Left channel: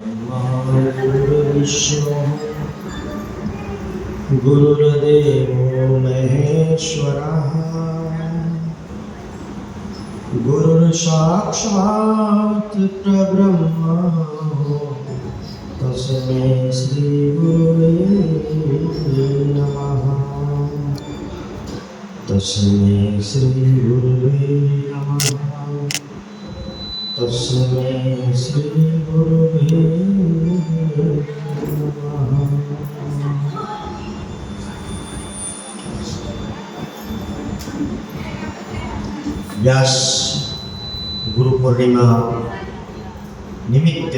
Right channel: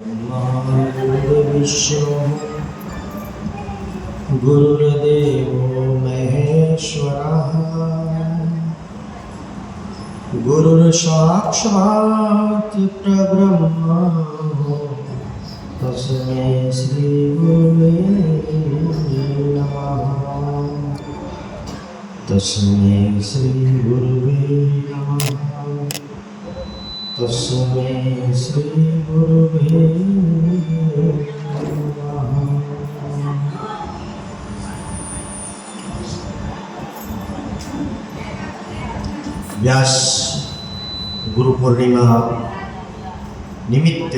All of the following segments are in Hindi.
गुरुर्विष्णु गुरुर्देवो महेश्वरः गुरुर्साक्षात् परब्रह्म तस्मै श्री गुरुवे नमः। तस्मै श्री गुरुवे नमः। तस्मै श्री गुरुवे नमः। व्यास गुरु पूर्णिमा निमित्त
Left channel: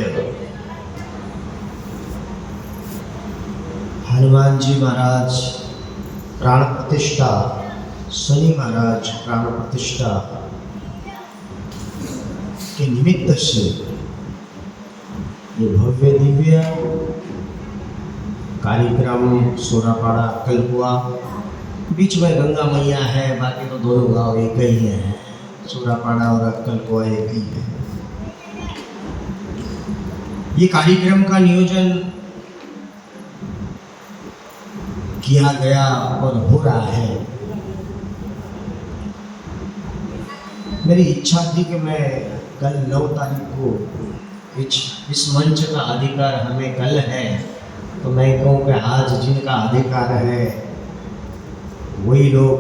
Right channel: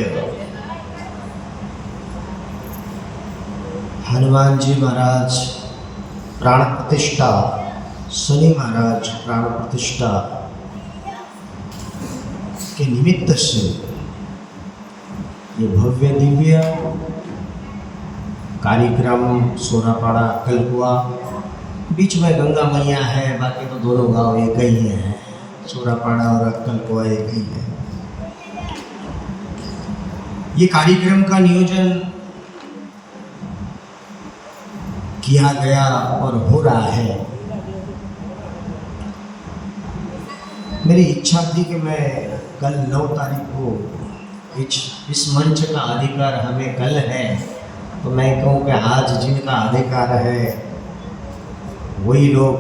हनुमान जी महाराज प्राण प्रतिष्ठा, शनि महाराज प्राण प्रतिष्ठा के निमित्त से ये भव्य दिव्य कार्यक्रम सोनापाड़ा कलकुआ, बीच में गंगा मैया है, बाकी तो दोनों गांव एक ही है, सोनापाड़ा और कलकुआ एक ही है। ये कार्यक्रम का नियोजन किया गया और हो रहा है। मेरी इच्छा थी कि मैं कल 9 तारीख को इस मंच का अधिकार हमें कल है, तो मैं कहूँ कि आज जिनका अधिकार है वही लोग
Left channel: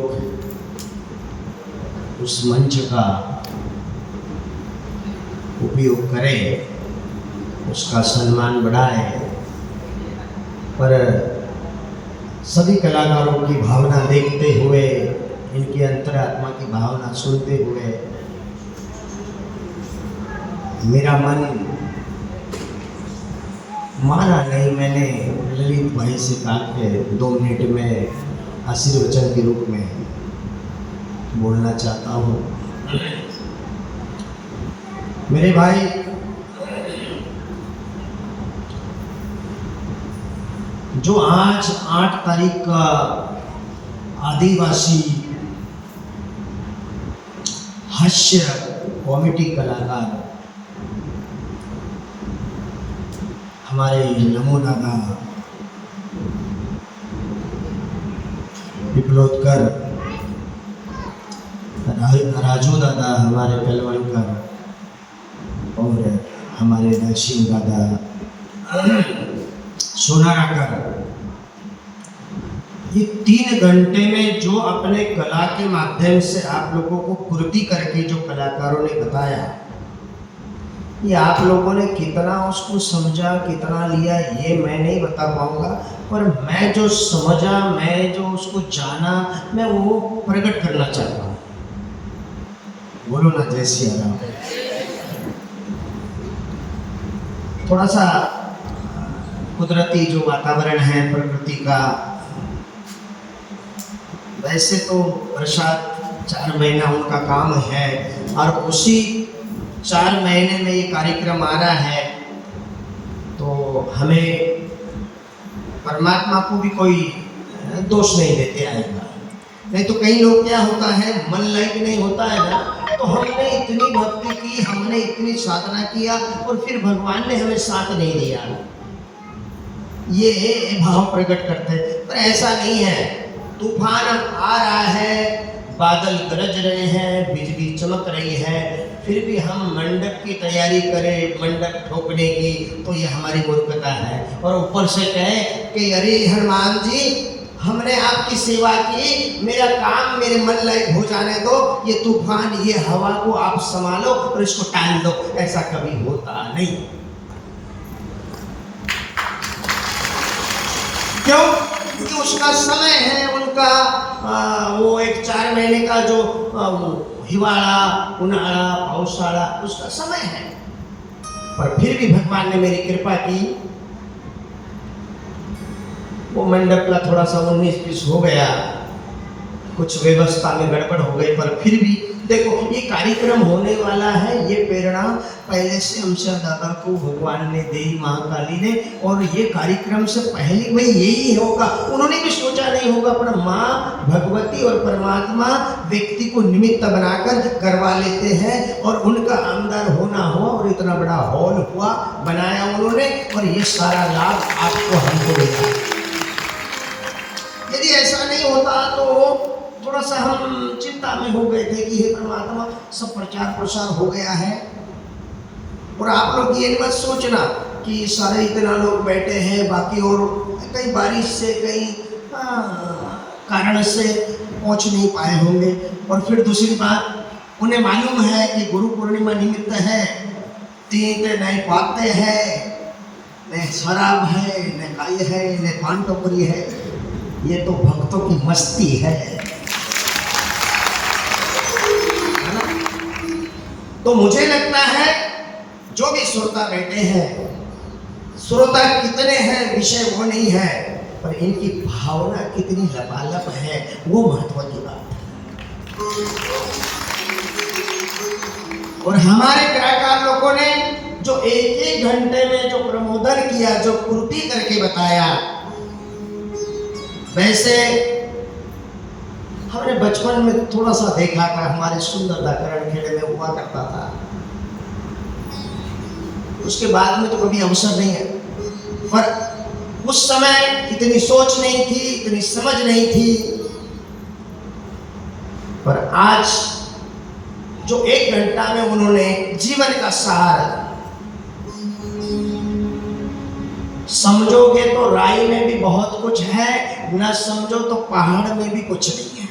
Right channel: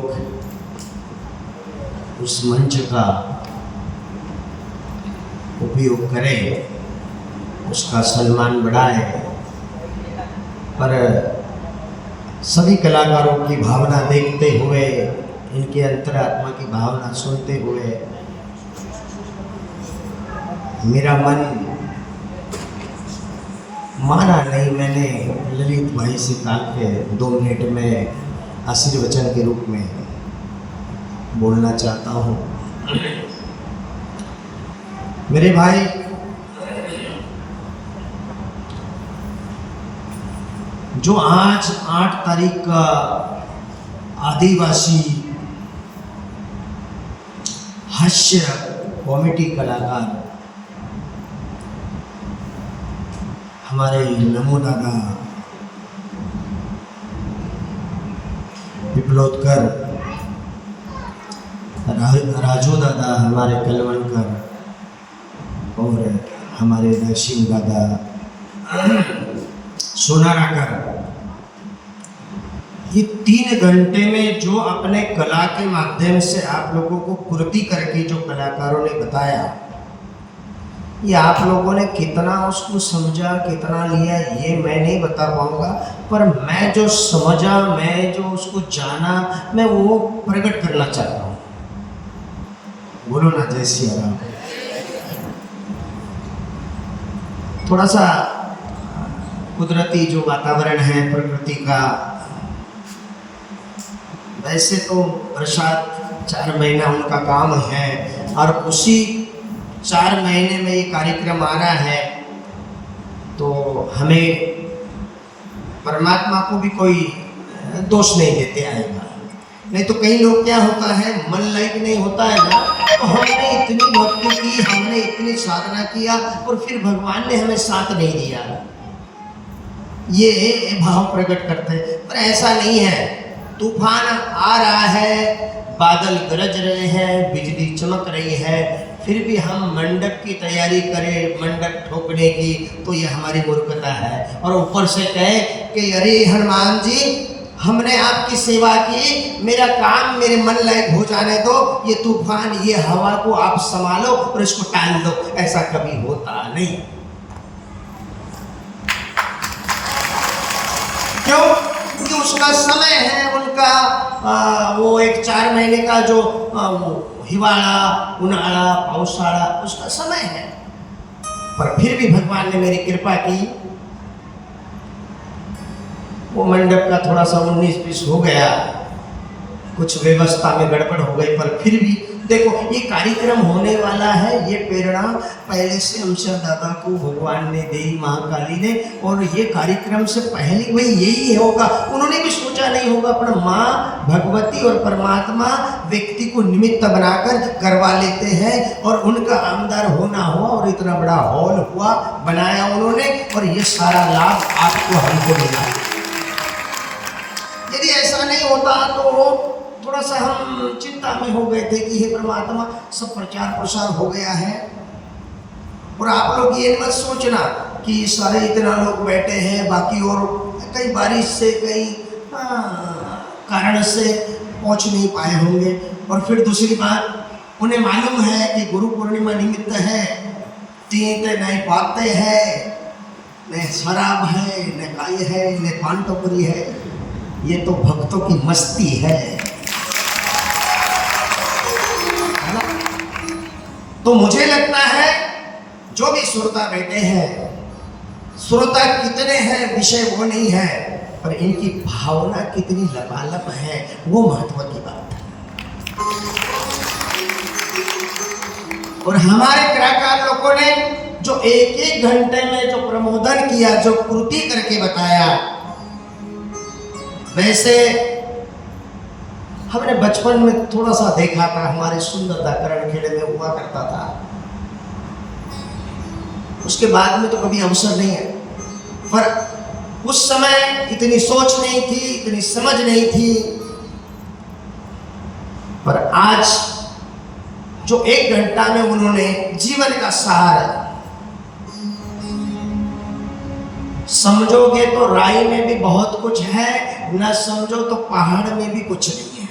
उस मंच का उपयोग करें, उसका सम्मान बढ़ाए। पर सभी कलाकारों की भावना देखते हुए, इनके अंतरात्मा की भावना सुनते हुए मेरा मन माना नहीं। मैंने ललित भाई से कहा कि 2 मिनट में आशीर्वचन के रूप में बोलना चाहता हूँ। मेरे भाई, जो आज 8 तारीख का आदिवासी हास्य कॉमेडी कलाकार हमारे नमो दादा पिपलोदकर, राजू दादा हमारे कलवनकर और हमारे नरसिंह दादा सोनाकर, ये 3 घंटे में जो अपने कला के माध्यम से आप लोगों को कृति करके जो कलाकारों ने बताया, ये आप लोगों ने कितना उसको समझा, कितना लिया, ये मैं नहीं बता पाऊंगा। पर मैं जो समझा, मैं जो उसको जाना, मैं वो प्रकट करना चाहता हूँ। बोलो ना जय सिया राम। थोड़ा सा कुदरती जो वातावरण है प्रकृति का, वैसे तो बरसात 4 महीना उनका काम है और उसी 4 महीने में ये कार्यक्रम आ रहा है, तो हमें परमात्मा को भी कोई दोष नहीं देते आएगा। नहीं तो कई लोग क्या होता है, मन लायक नहीं होता है ना, तो हमने इतनी भक्ति की, हमने इतनी साधना किया और फिर भगवान ने हमें साथ नहीं दिया, ये भाव प्रकट करते हैं। पर ऐसा नहीं है। तूफान आ रहा है, बादल गरज रहे हैं, बिजली चमक रही है, फिर भी हम मंडप की तैयारी करें, मंडप ठोकने की, तो ये हमारी मूर्खता है। और ऊपर से कहे कि अरे हनुमान जी, हमने आपकी सेवा की, मेरा काम मेरे मन लायक हो जाने दो, ये तूफान, ये हवा को आप संभालो और इसको टाल दो। ऐसा कभी होता नहीं। क्यों? क्योंकि उसका समय है, उनका वो एक 4 महीने का जो हिवाड़ा, उन्हाड़ा, पावसाड़ा, उसका समय है। पर फिर भी भगवान ने मेरी कृपा की, वो मंडप का थोड़ा सा 19-20 हो गया, कुछ व्यवस्था में गड़बड़ हो गई, पर फिर भी देखो ये कार्यक्रम होने वाला है, ये प्रेरणा पहले से हमसे दादा को भगवान ने दी, महाकाली ने, और ये कार्यक्रम से पहले में यही होगा। उन्होंने भी सोचा नहीं होगा, अपना माँ भगवती और परमात्मा व्यक्ति को निमित्त बनाकर करवा लेते हैं और उनका अंदर होना हो और और इतना बड़ा हॉल हुआ, बनाया उन्होंने, और ये सारा लाभ आपको हमको मिला। यदि ऐसा नहीं होता तो थोड़ा सा हम चिंता में हो गए थे कि हे परमात्मा, सब प्रचार प्रसार हो गया है, और आप लोग ये मत सोचना कि सारे इतना लोग बैठे हैं, बाकी और कई बारिश से कई कारण से पहुंच नहीं पाए होंगे। और फिर दूसरी बात, उन्हें मालूम है कि गुरु पूर्णिमा निमित्त है, तीन नए बातें हैं, न शराब है, न गाय है, न पान टपरी है, ये तो भक्तों की मस्ती है। तो मुझे लगता है जो भी श्रोता बैठे हैं, श्रोता कितने हैं विषय वो नहीं है, पर इनकी भावना कितनी लबालब है वो महत्व की बात है। और हमारे कलाकार लोगों ने जो एक घंटे में जो प्रबोधन किया, जो कृति करके बताया, वैसे हमने बचपन में थोड़ा सा देखा था, हमारे सुंदरता करण खेड़े में हुआ करता था, उसके बाद में तो कभी अवसर नहीं है। पर उस समय इतनी सोच नहीं थी, इतनी समझ नहीं थी, पर आज जो 1 घंटा में उन्होंने जीवन का सार, समझोगे तो राय में भी बहुत कुछ है, न समझो तो पहाड़ में भी कुछ नहीं है।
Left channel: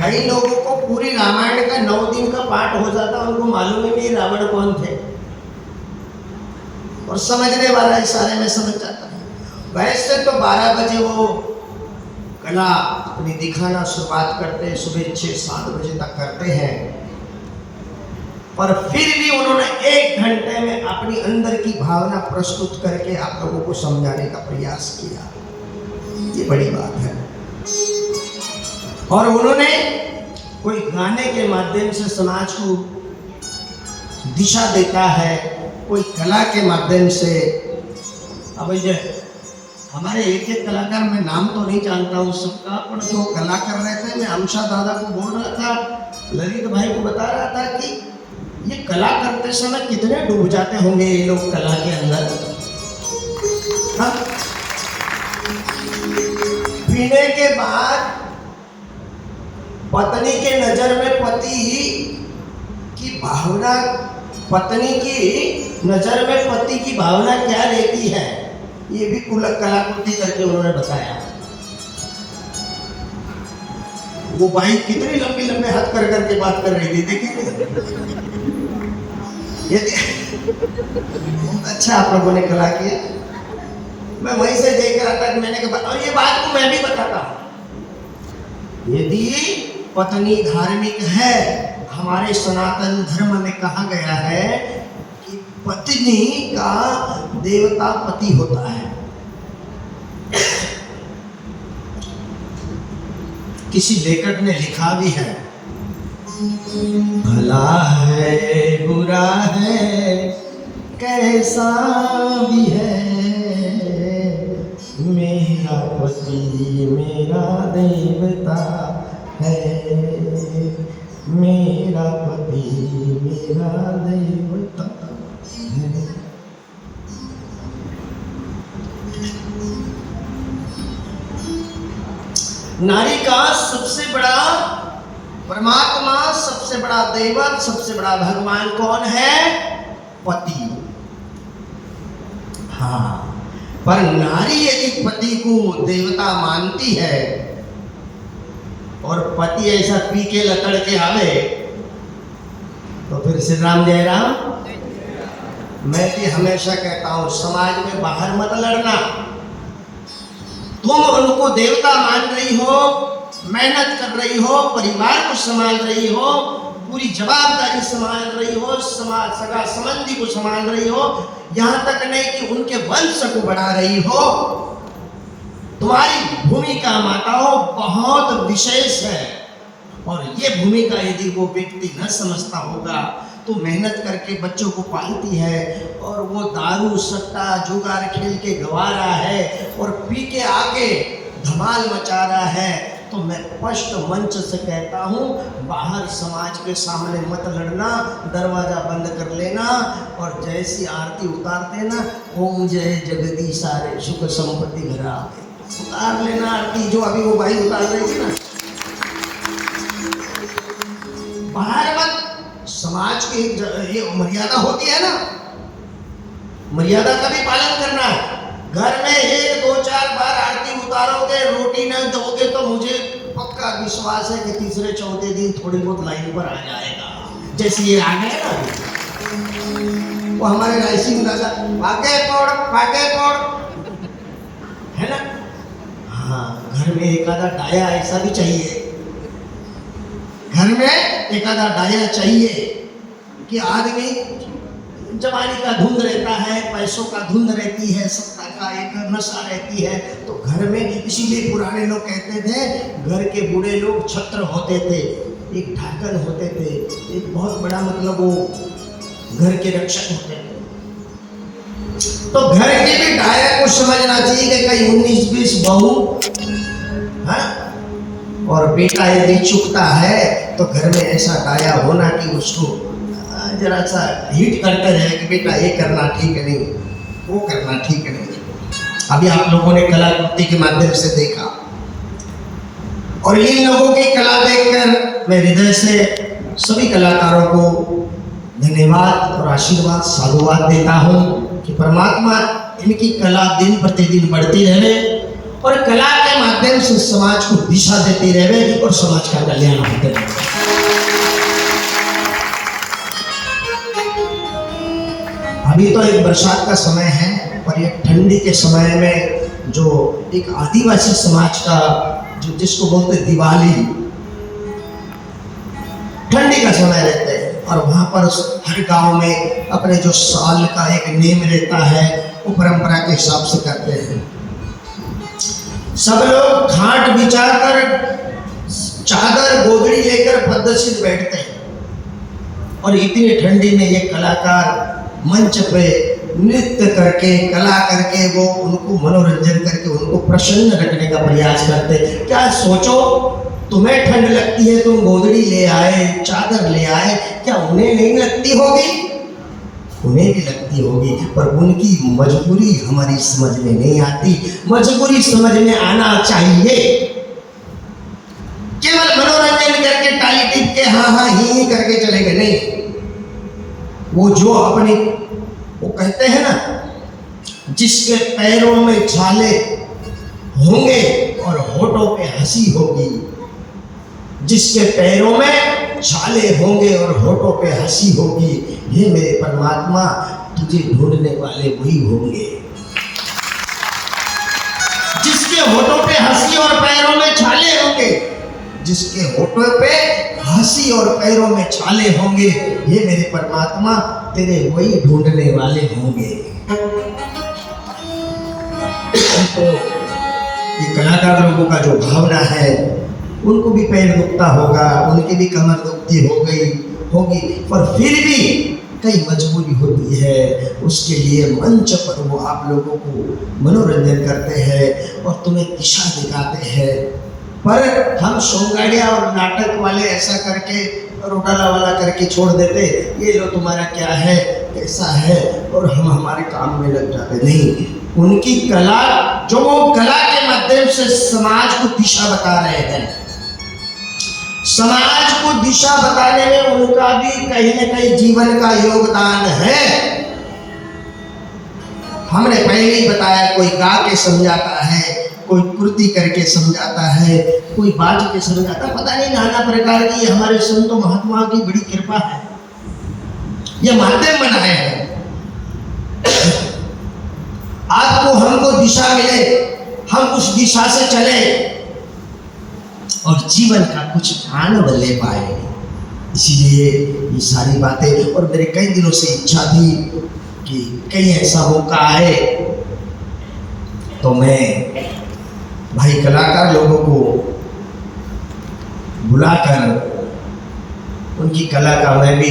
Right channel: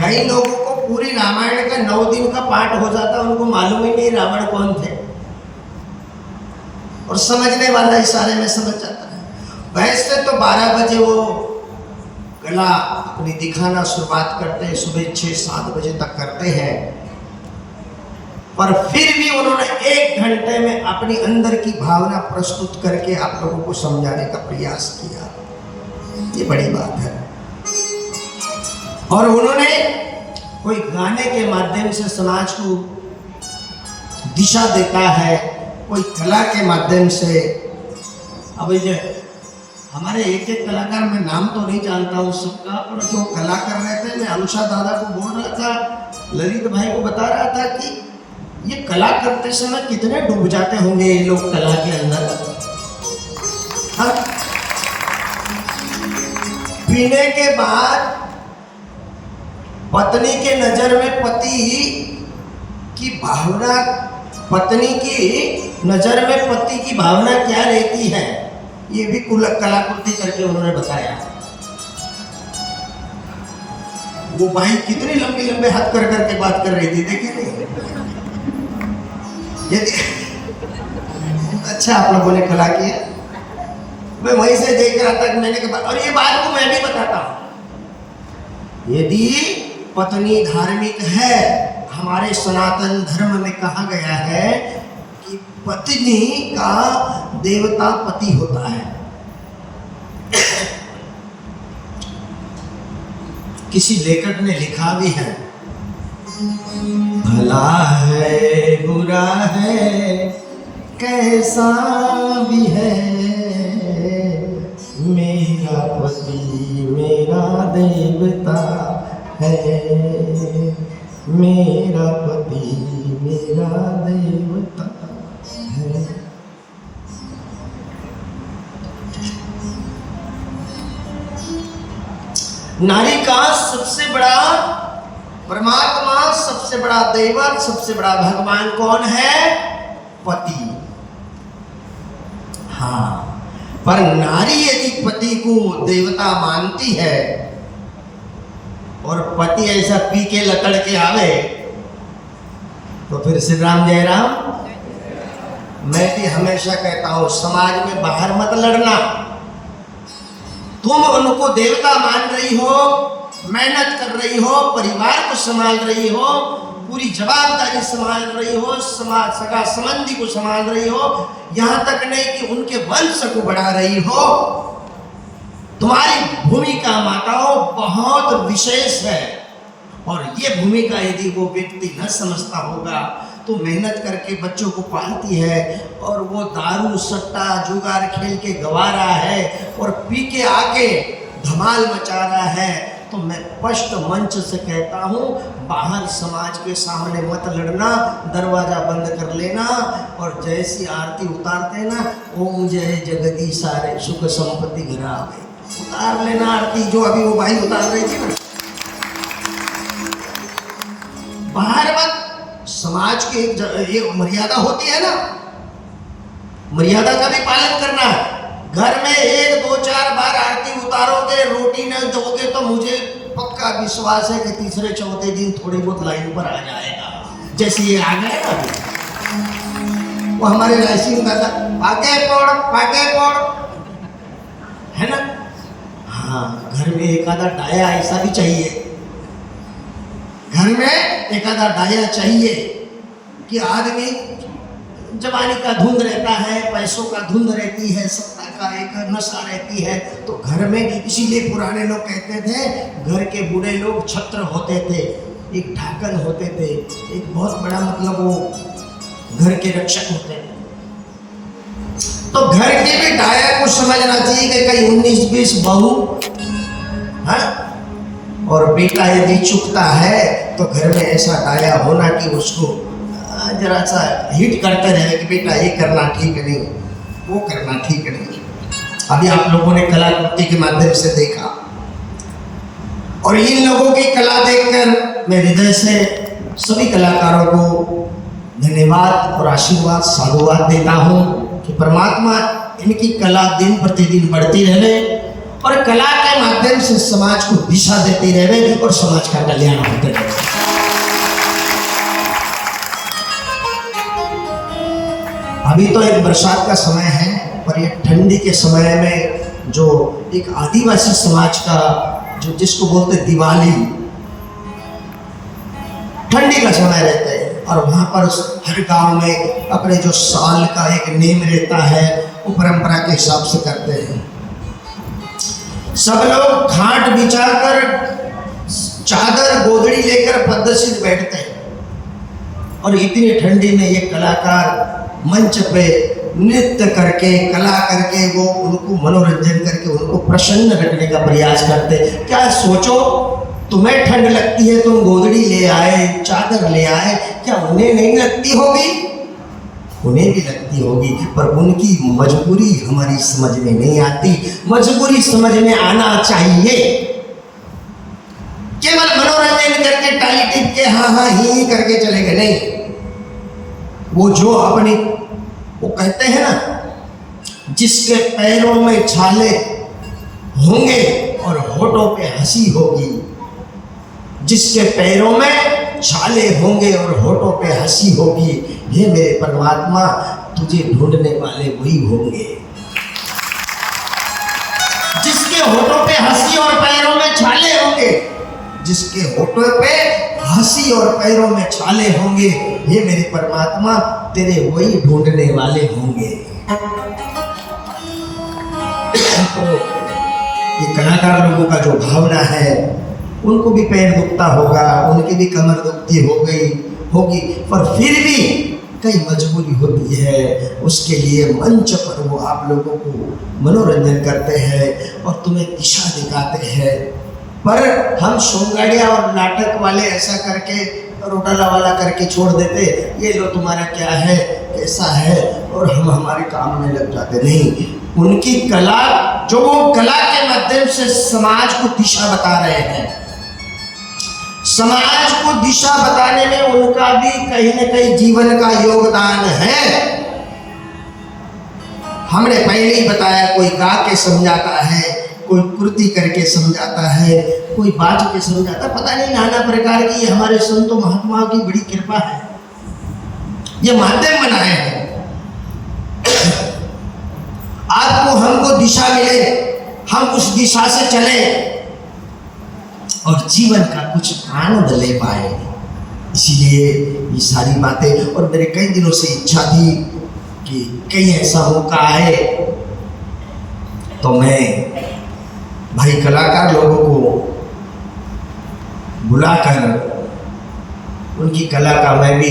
कई लोगों को पूरी रामायण का 9 दिन का पाठ हो जाता, उनको मालूम ही नहीं रावण कौन थे, और समझने वाला इशारे में समझ जाता है। वैसे तो 12 बजे वो कला अपनी दिखाना शुरुआत करते हैं, सुबह 6-7 बजे तक करते हैं, पर फिर भी उन्होंने 1 घंटे में अपनी अंदर की भावना प्रस्तुत करके आप लोगों को समझाने का प्रयास किया। ये बड़ी बात है। और उन्होंने कोई गाने के माध्यम से समाज को दिशा देता है, कोई कला के माध्यम से। अब ये हमारे एक कलाकार, मैं नाम तो नहीं जानता हूँ सबका, पर जो कला कर रहे थे, मैं अनुषा दादा को बोल रहा था, ललित भाई को बता रहा था कि ये कला करते समय कितने डूब जाते होंगे ये लोग कला के अंदर। हाँ? पीने के बाद पत्नी के नजर में पति की भावना, पत्नी की नजर में पति की भावना क्या रहती है, ये भी कलाकृति करके उन्होंने बताया। वो भाई कितनी लंबे लंबे हाथ कर करके बात कर रही थी, देखिए। अच्छा आप लोगों ने कला किया, मैं वहीं से देख रहा था कि मैंने कहा, और ये बात को मैं भी बताता हूं, यदि पत्नी धार्मिक है, हमारे सनातन धर्म में कहा गया है कि पत्नी का देवता पति होता है। किसी लेखक ने लिखा भी है, भला है बुरा है कैसा भी है, मेरा पति मेरा देवता है, मेरा पति मेरा देवता है। नारी का सबसे बड़ा परमात्मा, सबसे बड़ा देवत, सबसे बड़ा भगवान कौन है? पति। हाँ, पर नारी यदि पति को देवता मानती है और पति ऐसा पी के लकड़ के आवे, तो फिर श्री राम जय राम। मैं भी हमेशा कहता हूं, समाज में बाहर मत लड़ना। तुम उनको देवता मान रही हो, मेहनत कर रही हो, परिवार को संभाल रही हो, पूरी जवाबदारी संभाल रही हो, समाज सगा संबंधी को संभाल रही हो, यहाँ तक नहीं कि उनके वंश को बढ़ा रही हो। तुम्हारी भूमिका माताओं बहुत विशेष है, और ये भूमिका यदि वो व्यक्ति न समझता होगा तो मेहनत करके बच्चों को पालती है और वो दारू सट्टा जुगार खेल के गवा रहा है और पी के आके धमाल मचा रहा है, तो मैं स्पष्ट मंच से कहता हूँ, बाहर समाज के सामने मत लड़ना, दरवाजा बंद कर लेना और जैसी आरती उतारते ना, ओम जय जगदीश सारे सुख संपत्ति घर आ गए, उतार लेना आरती जो अभी वो भाई उतार रही थी ना। बाहर मत, समाज की एक मर्यादा होती है ना, मर्यादा का भी पालन करना है। घर में 1, 2, 4 बार आरती उतारोगे, रोटी न दोगे तो मुझे पक्का विश्वास है कि तीसरे चौथे दिन थोड़ी बहुत लाइन पर आ जाएगा। जैसे ये आ गया वो हमारे राशि में दादा पाके पड़ है ना। हाँ, घर में एक आधा डाया ऐसा भी चाहिए, घर में एक आधा डाया चाहिए कि आदमी जवानी का धुंध रहता है, पैसों का धुंध रहती है, सत्ता का एक नशा रहती है, तो घर में इसीलिए पुराने लोग कहते थे, घर के बूढ़े लोग छत्र होते थे, एक ढाकन होते थे, एक बहुत बड़ा मतलब वो घर के रक्षक होते थे। तो घर के भी डाया को समझना चाहिए कि कहीं 19-20 बहू है और बेटा यदि चुकता है तो घर में ऐसा डाया होना कि उसको जरा सा हिट करते रहे कि बेटा ये करना ठीक नहीं, वो करना ठीक नहीं। अभी आप लोगों ने कलाकृति के माध्यम से देखा, और इन लोगों की कला देखकर मैं हृदय से सभी कलाकारों को धन्यवाद और आशीर्वाद साधुवाद देता हूँ कि परमात्मा इनकी कला दिन प्रतिदिन बढ़ती रहे और कला के माध्यम से समाज को दिशा देती रहे और समाज का कल्याण होते रहे। अभी तो एक बरसात का समय है, पर ये ठंडी के समय में जो एक आदिवासी समाज का जो जिसको बोलते दिवाली, ठंडी का समय रहता है और वहाँ पर हर गांव में अपने जो साल का एक नेम रहता है वो परंपरा के हिसाब से करते हैं। सब लोग खाट बिछाकर चादर गोदड़ी लेकर पद्धति बैठते हैं और इतनी ठंडी में ये कलाकार मंच पे नृत्य करके कला करके वो उनको मनोरंजन करके उनको प्रसन्न रखने का प्रयास करते। क्या सोचो, तुम्हें ठंड लगती है, तुम गोदड़ी ले आए, चादर ले आए, क्या उन्हें नहीं लगती होगी? उन्हें भी लगती होगी, पर उनकी मजबूरी हमारी समझ में नहीं आती। मजबूरी समझ में आना चाहिए। केवल मनोरंजन करके टाली टिप के हाँ हाँ ही करके चलेंगे नहीं। वो जो अपनी वो कहते हैं ना, जिसके पैरों में छाले होंगे और होठों पे हंसी होगी, जिसके पैरों में छाले होंगे और होठों पे हंसी होगी, हे मेरे परमात्मा तुझे ढूंढने वाले वही होंगे। जिसके होठों पे हंसी और पैरों में छाले होंगे, जिसके होठों पे हंसी और पैरों में छाले होंगे, ये मेरे परमात्मा तेरे वही ढूंढने वाले होंगे। तो ये कलाकार लोगों का जो भावना है, उनको भी पैर दुखता होगा, उनकी भी कमर दुखती होगी, पर फिर भी कई मजबूरी होती है, उसके लिए मंच पर वो आप लोगों को मनोरंजन करते हैं और तुम्हें दिशा दिखाते हैं। पर हम सोंगाड़िया और नाटक वाले ऐसा करके रोटाला वाला करके छोड़ देते, ये लो तुम्हारा क्या है कैसा है, और हम हमारे काम में लग जाते। नहीं, उनकी कला जो वो कला के माध्यम से समाज को दिशा बता रहे हैं, समाज को दिशा बताने में उनका भी कहीं न कहीं जीवन का योगदान है। हमने पहले ही बताया, कोई गा के समझाता है, कोई कृति करके समझाता है, कोई बाज के समझाता, पता नहीं नाना प्रकार की हमारे संतों महात्माओं की बड़ी कृपा है, यह माध्यम बनाए हैं। आपको हमको दिशा मिले, हम उस दिशा से चले और जीवन का कुछ आनंद ले पाए। इसीलिए ये सारी बातें, और मेरे कई दिनों से इच्छा थी कि कहीं ऐसा मौका आए तो मैं भाई कलाकार लोगों को बुलाकर उनकी कला का मैं भी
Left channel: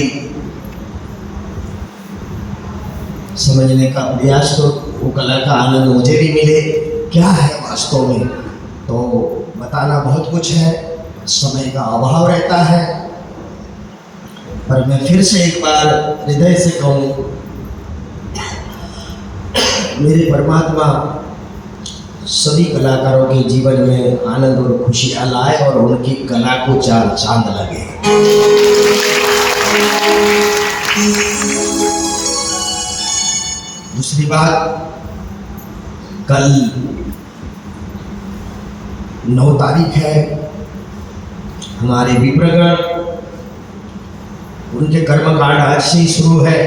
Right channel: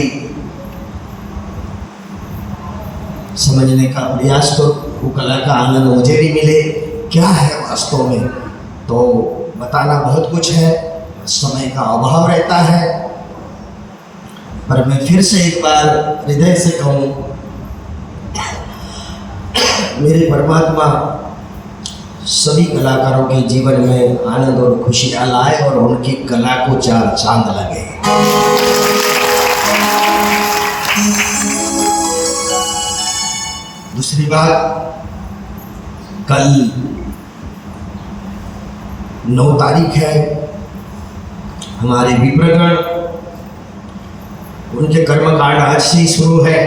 समझने का प्रयास करूं, वो कला का आनंद मुझे भी मिले क्या है वास्तव में। तो बताना बहुत कुछ है, समय का अभाव रहता है, पर मैं फिर से एक बार हृदय से कहूँ, मेरे परमात्मा सभी कलाकारों के जीवन में आनंद और खुशियाँ लाए और उनकी कला को चार चांद लगे। दूसरी बात, कल 9 तारीख है, हमारे विप्रगण उनके कर्मकांड आज से ही शुरू है,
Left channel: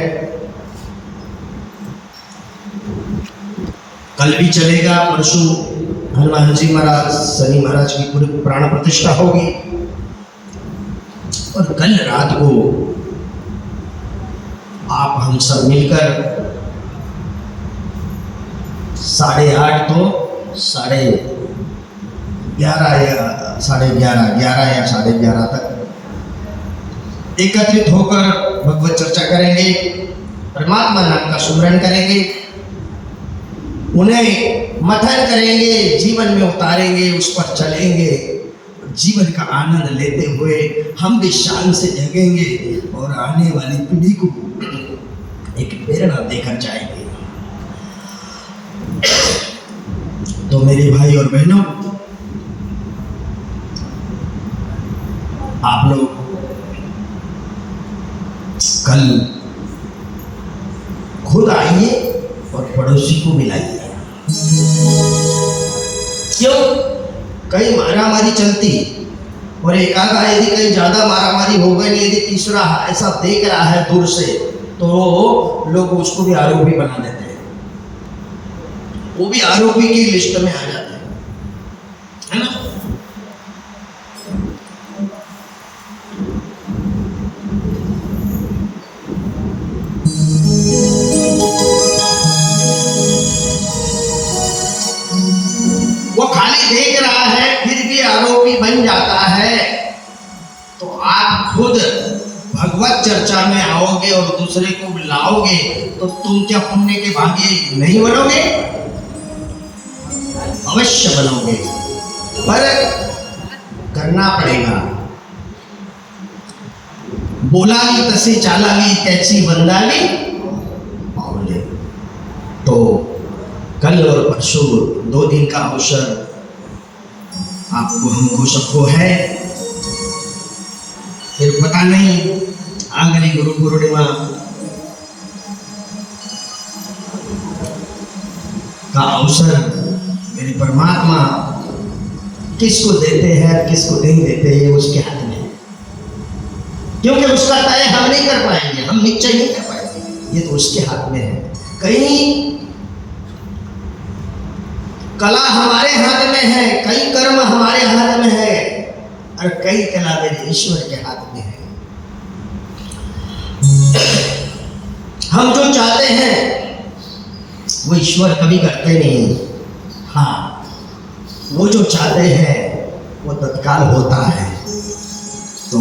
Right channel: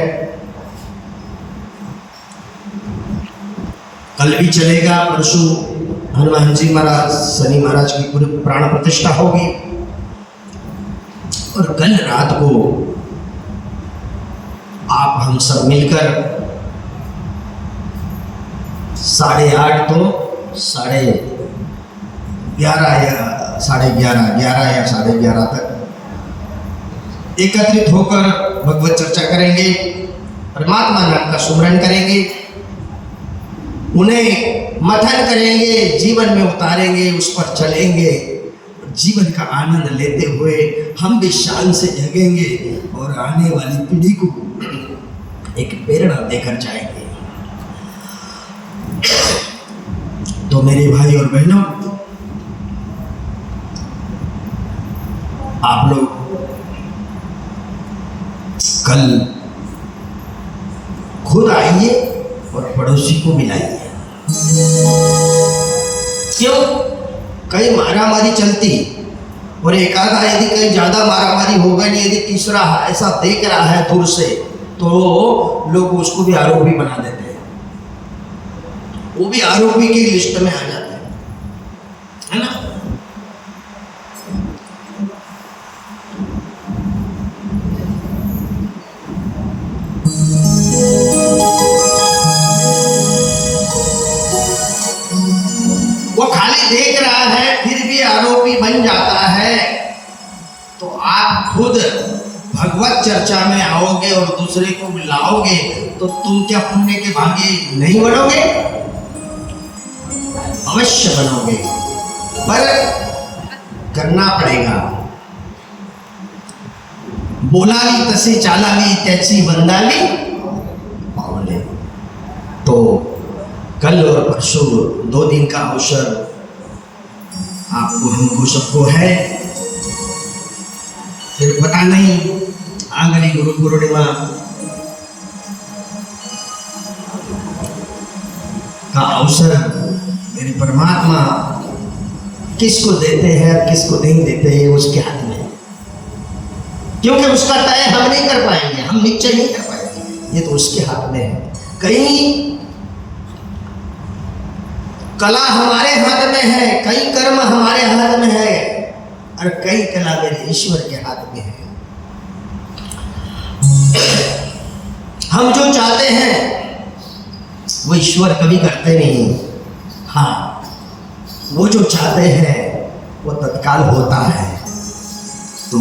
कल भी चलेगा। परसों हनुमान जी महाराज, शनि महाराज की प्राण प्रतिष्ठा होगी और कल रात को आप हम सब मिलकर 8:30 तो 11:30 या 11:30 तक एकत्रित होकर भगवत चर्चा करेंगे, परमात्मा नाम का सुमरन करेंगे, उन्हें मंथन करेंगे, जीवन में उतारेंगे, उस पर चलेंगे, जीवन का आनंद लेते हुए हम भी शान से जगेंगे और आने वाली पीढ़ी को एक प्रेरणा देकर जाएंगे। तो मेरे भाई और बहनों, आप लोग कल खुद आइए और पड़ोसी को मिलाइए। क्यों? कहीं मारामारी चलती और एक आधा यदि कहीं ज्यादा मारामारी हो गई, यदि तीसरा ऐसा देख रहा है दूर से, तो लोग उसको भी आरोपी बना देते हैं, वो भी आरोपी की लिस्ट में आ जाते हैं, है ना? देख रहा है फिर भी आरोपी बन जाता है। तो आप खुद भगवत चर्चा में आओगे और दूसरे को बुलाओगे तो तुम क्या पुण्य के भागी नहीं बनोगे? अवश्य बनोगे, पर करना पड़ेगा। बोलावी तसे चालावी त्याची बंदावी पावले। तो कल और परसों 2 दिन का अवसर आपको हमको सबको है, फिर पता नहीं आगली गुरु पूर्णिमा का अवसर मेरे परमात्मा किसको देते हैं किसको नहीं देते हैं, उसके हाथ में, क्योंकि उसका तय हम नहीं कर पाएंगे, हम निश्चय नहीं कर पाएंगे, ये तो उसके हाथ में है। कहीं कला हमारे हाथ में है, कई कर्म हमारे हाथ में है, और कई कला मेरे ईश्वर के हाथ में है। हम जो चाहते हैं वो ईश्वर कभी करते नहीं, हाँ, वो जो चाहते हैं वो तत्काल होता है। तो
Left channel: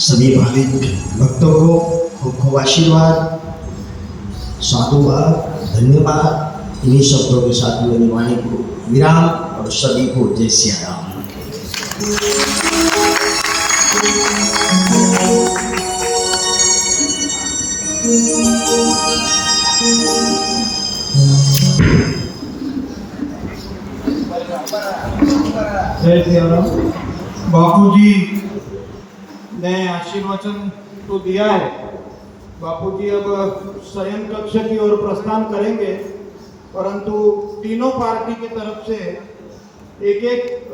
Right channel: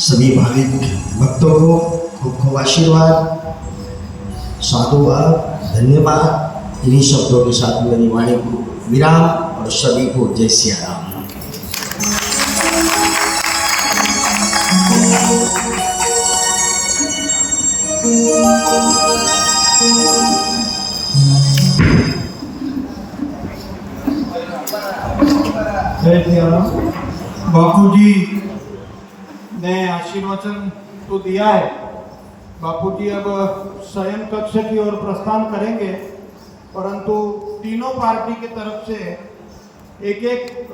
सभी भाविक भक्तों को खूब खूब आशीर्वाद, साधुवाद, धन्यवाद। इन्हीं शब्दों के साथ मेरी वाणी को विराम और सभी को जय सिया राम। जय सिया राम। बापू जी ने आशीर्वचन तो दिया है। बापू जी अब शयन कक्ष की ओर प्रस्थान करेंगे, परंतु तीनों पार्टी की तरफ से एक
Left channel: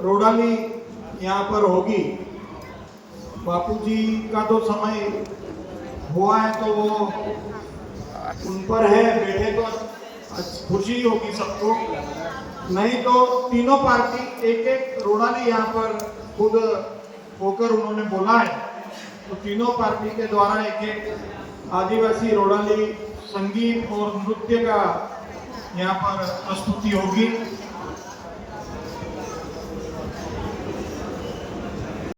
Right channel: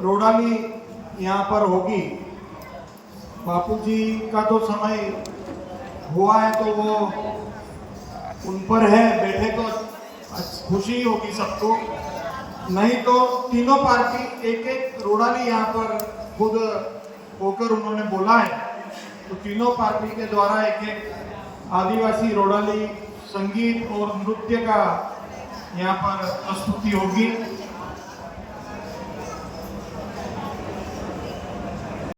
रोडाली यहाँ पर होगी। बापू जी का तो समय हुआ है तो वो उन पर है, बैठे तो खुशी होगी सबको, नहीं तो तीनों पार्टी एक रोडाली यहाँ पर खुद होकर उन्होंने बोला है, तो तीनों पार्टी के द्वारा एक आदिवासी रोडाली संगीत और नृत्य का यहाँ पर प्रस्तुति होगी।